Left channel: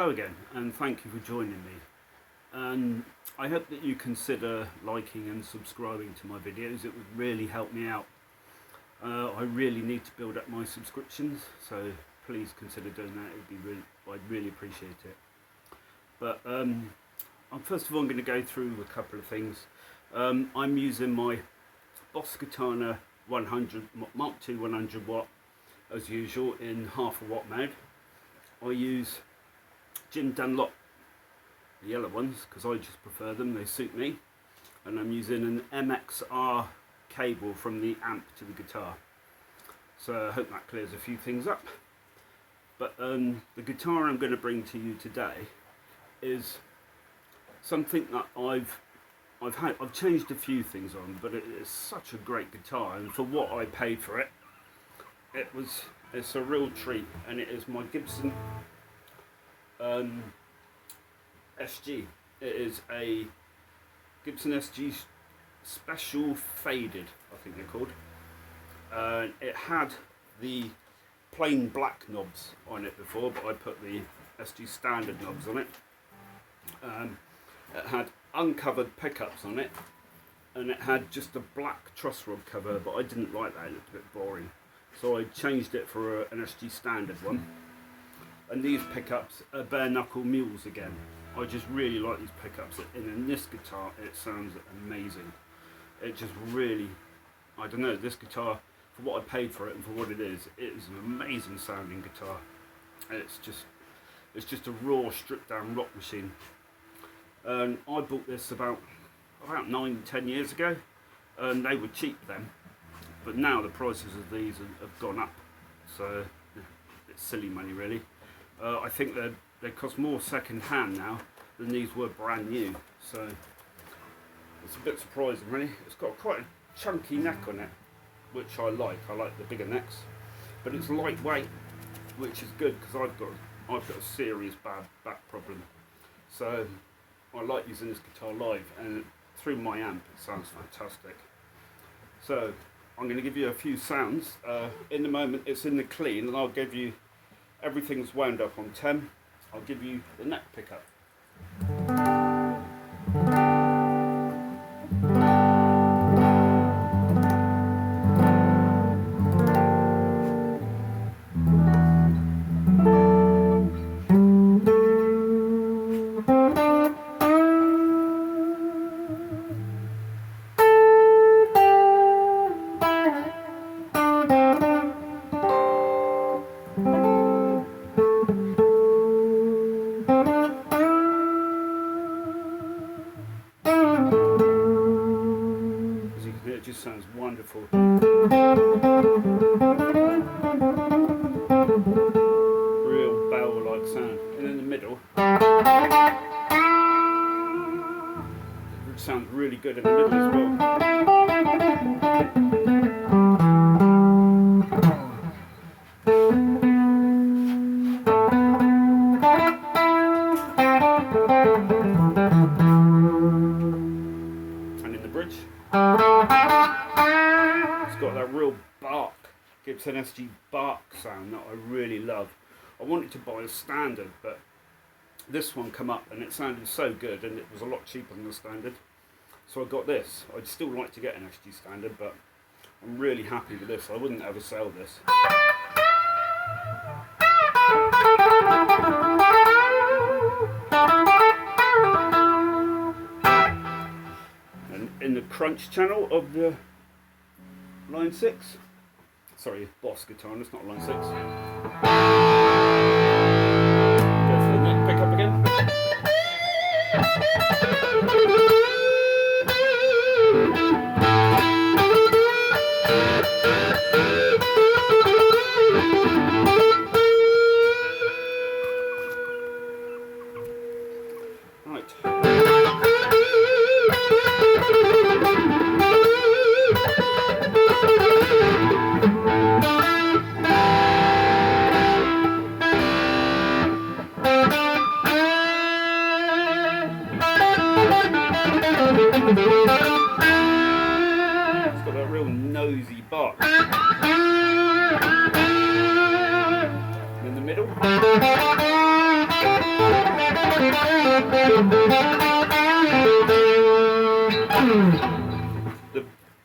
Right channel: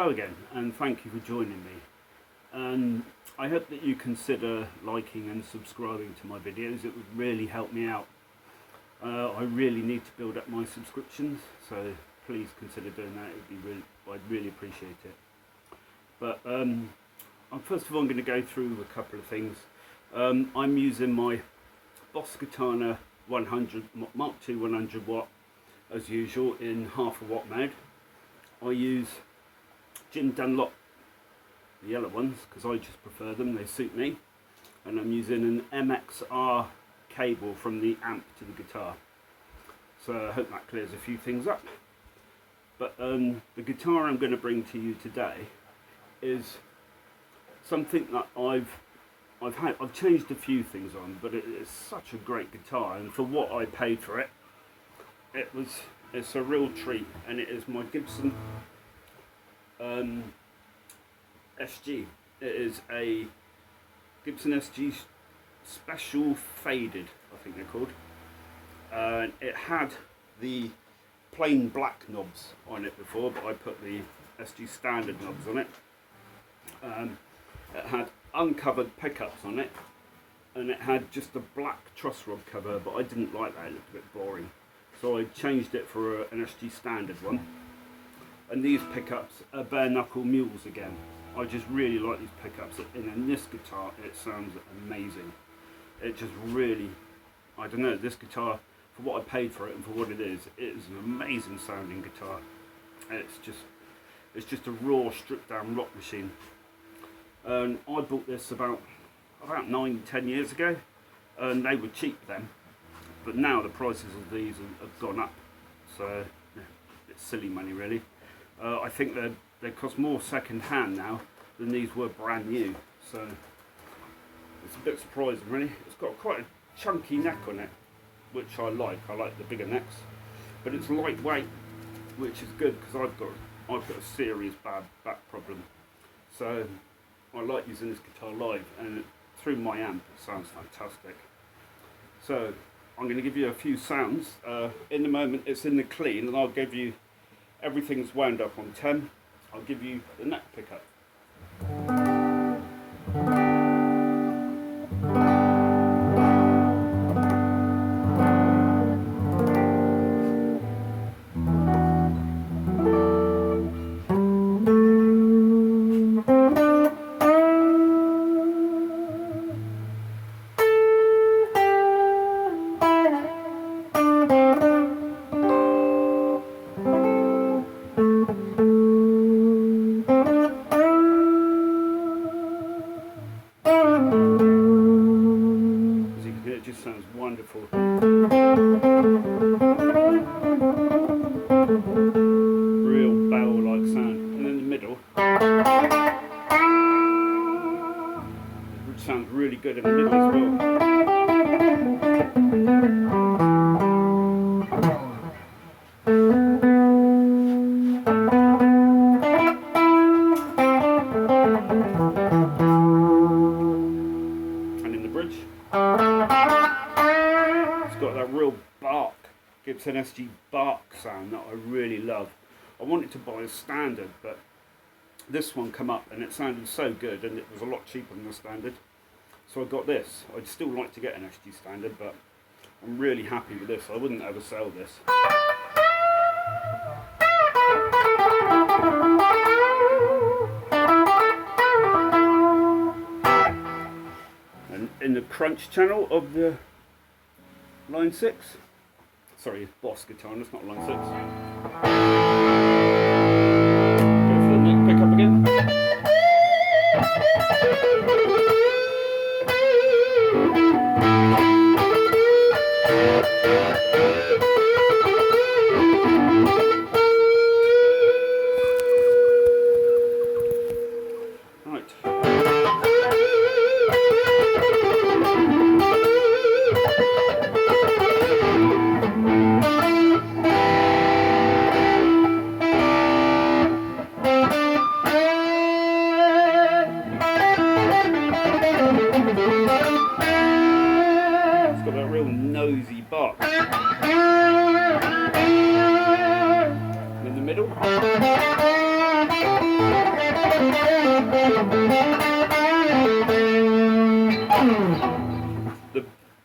Hello again, and thank you for joining me. And I hope that you consider liking and subscribing to my videos. It would really help me out. I really need to build up my subscriptions, so please consider doing that. I'd really appreciate it. But first of all, I'm going to go through a couple of things. I'm using my Boss Katana 100 Mark II 100 watt as usual in half a watt mode. I use Jim Dunlop, the yellow ones, because I just prefer them, they suit me. And I'm using an MXR cable from the amp to the guitar. So I hope that clears a few things up. But the guitar I'm going to bring to you today is something that I've changed a few things on, but it is such a great guitar, and for what I paid for it, it's a real treat. And it is my Gibson SG. It is a Gibson SG Special Faded, I think they're called. It had the plain black knobs on it before, but I put the SG Standard knobs on it. It had uncovered pickups on it, and it had just a black truss rod cover, but I didn't like that, it looked a bit boring. So I changed it for an SG Standard one. And these pickups are Bare Knuckle Mules again. I just really like these pickups, and in this guitar it sounds amazing. It just really, I don't know, this guitar, for what I paid for it and for what it is an amazing sounding guitar. It's just a raw, stripped down rock machine. And I bought this about 9-10 years ago, and they were cheap then, but now the prices of these have gone up, so yeah, it's silly money really. I think they cost more second hand now than these were brand new, so it's a bit surprising really. It's got quite a chunky neck on it, which I like the bigger necks, but it's lightweight, which is good because I've got a serious bad back problem, so I like using this guitar live, and through my amp it sounds fantastic. So I'm going to give you a few sounds. In the moment it's in the clean, and I'll give you everything's wound up on 10. I'll give you the neck pickup. It just sounds wonderful. Real bell-like sound. And in the middle, it sounds really good in the middle as well. And in the bridge, got that real bark, Gibson SG bark sound that I really love. I wanted to buy a standard, but this one come up and it sounded so good, and it was a lot cheaper than the standard, so I got this. I'd still like to get an SG standard, but I'm really happy with this. I wouldn't ever sell this. And in the crunch channel of the line 6, sorry, Boss Katana, it's not line 6. Go for the neck pickup again. Right.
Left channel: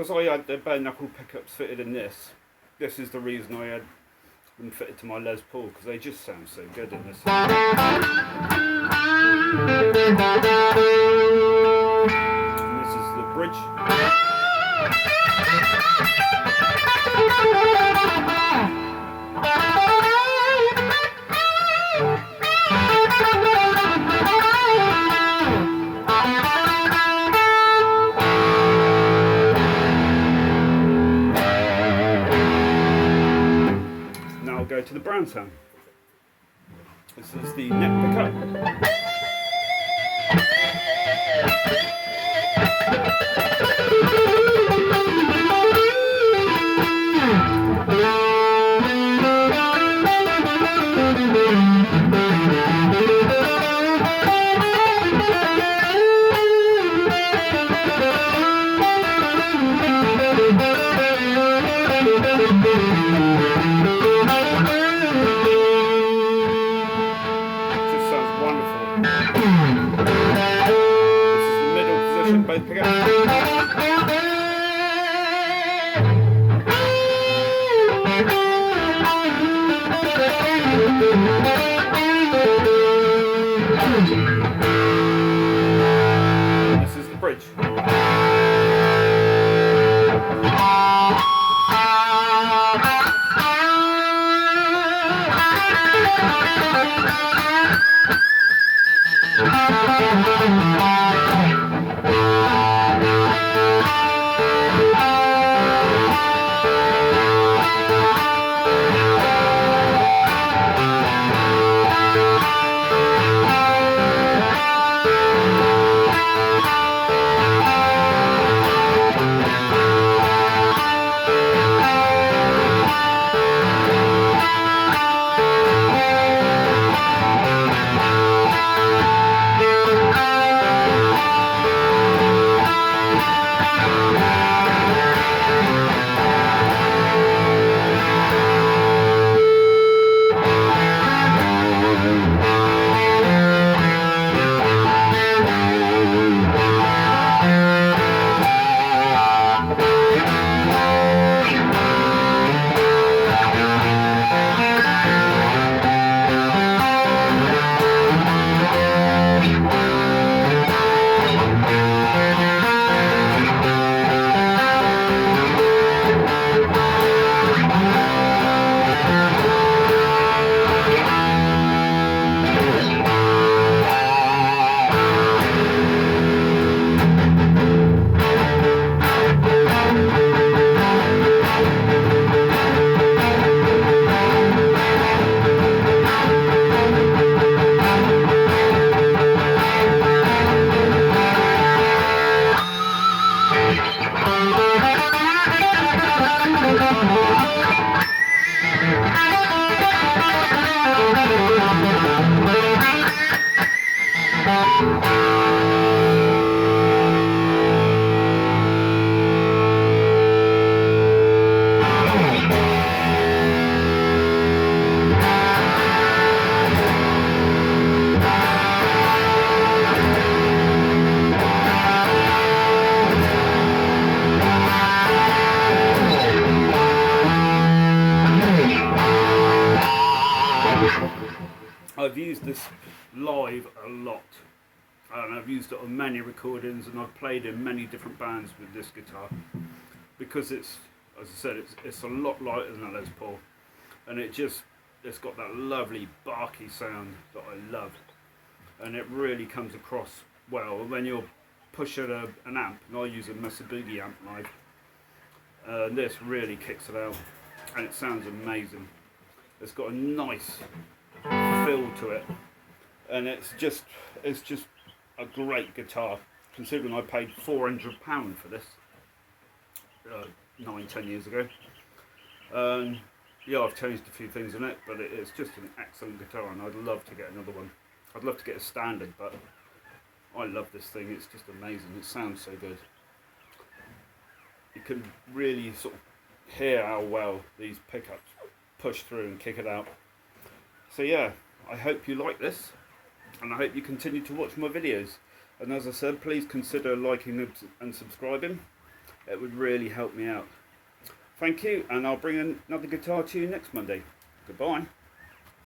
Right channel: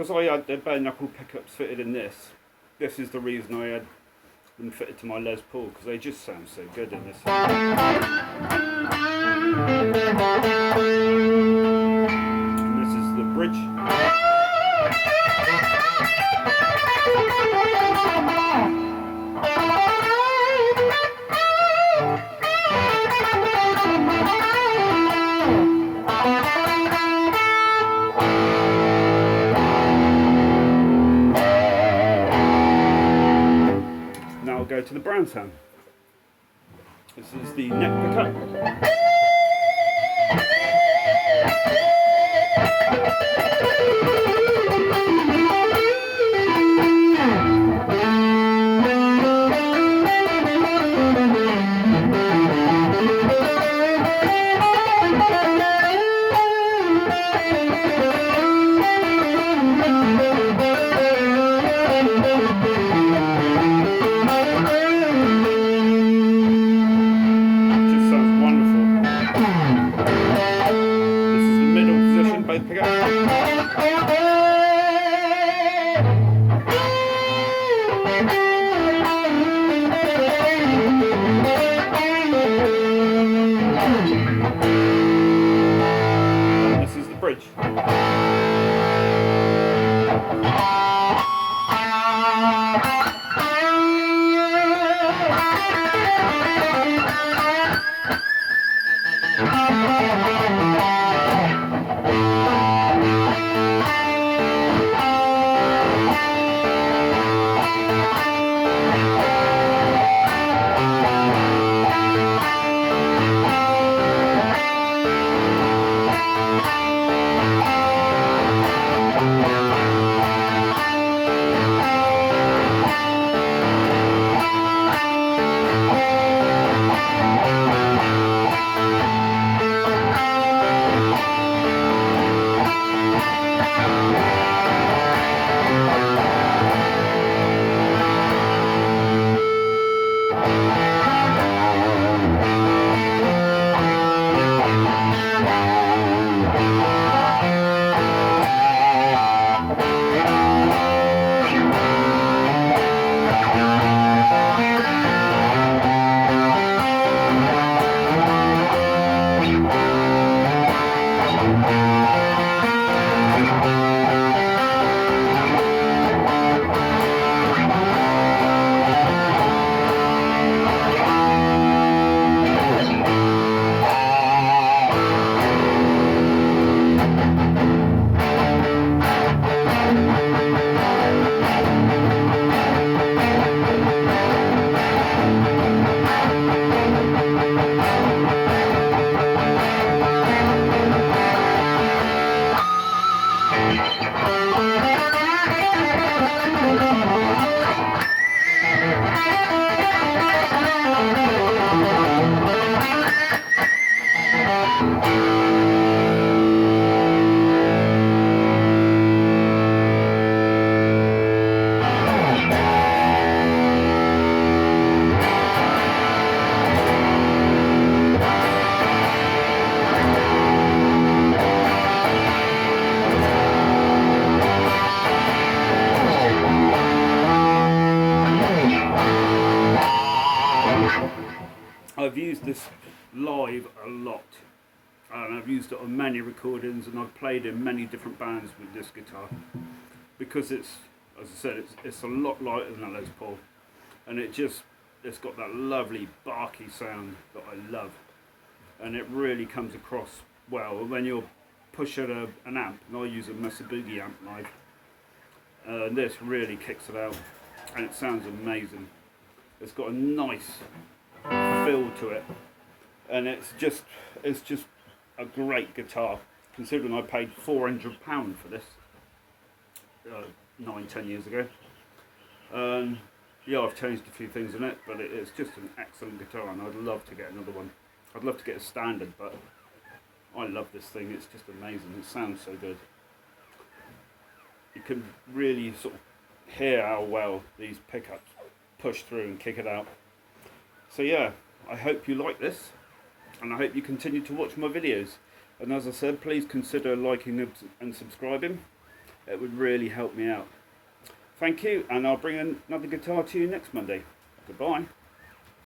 because I had the bare knuckle pickups fitted in this. This is the reason I had them fitted to my Les Paul, because they just sound so good in this. And this is the bridge. Now I'll go to the brown sound. This is the neck pickup. Both pickups. And this is the bridge. I've used this live a lot, and I've used it on many recordings, and I've played in many different bands with this guitar, because it's, as I said, it's a lot lighter than a Les Paul, and it's got that lovely barky sound that I love, and it really comes across well when you're pushing an amp. And I use a Mesa Boogie amp live, and this really kicks it out, and it sounds amazing. It's got a nice feel to it, and it's just a great guitar, considering I paid £400 for this 9-10 years ago. Yeah, I've changed a few things in it, but it's just an excellent guitar, and I'd love to get another one. I'd love to get a standard, but I love this thing. It's just amazing. It sounds so good. You can really sort of hear how well these pickups push through and kick it out. So yeah, I hope you like this, and I hope you continue to watch my videos. And as I said, please consider liking and subscribing. it would really help me out. Thank you, and I'll bring another guitar to you next Monday. Goodbye.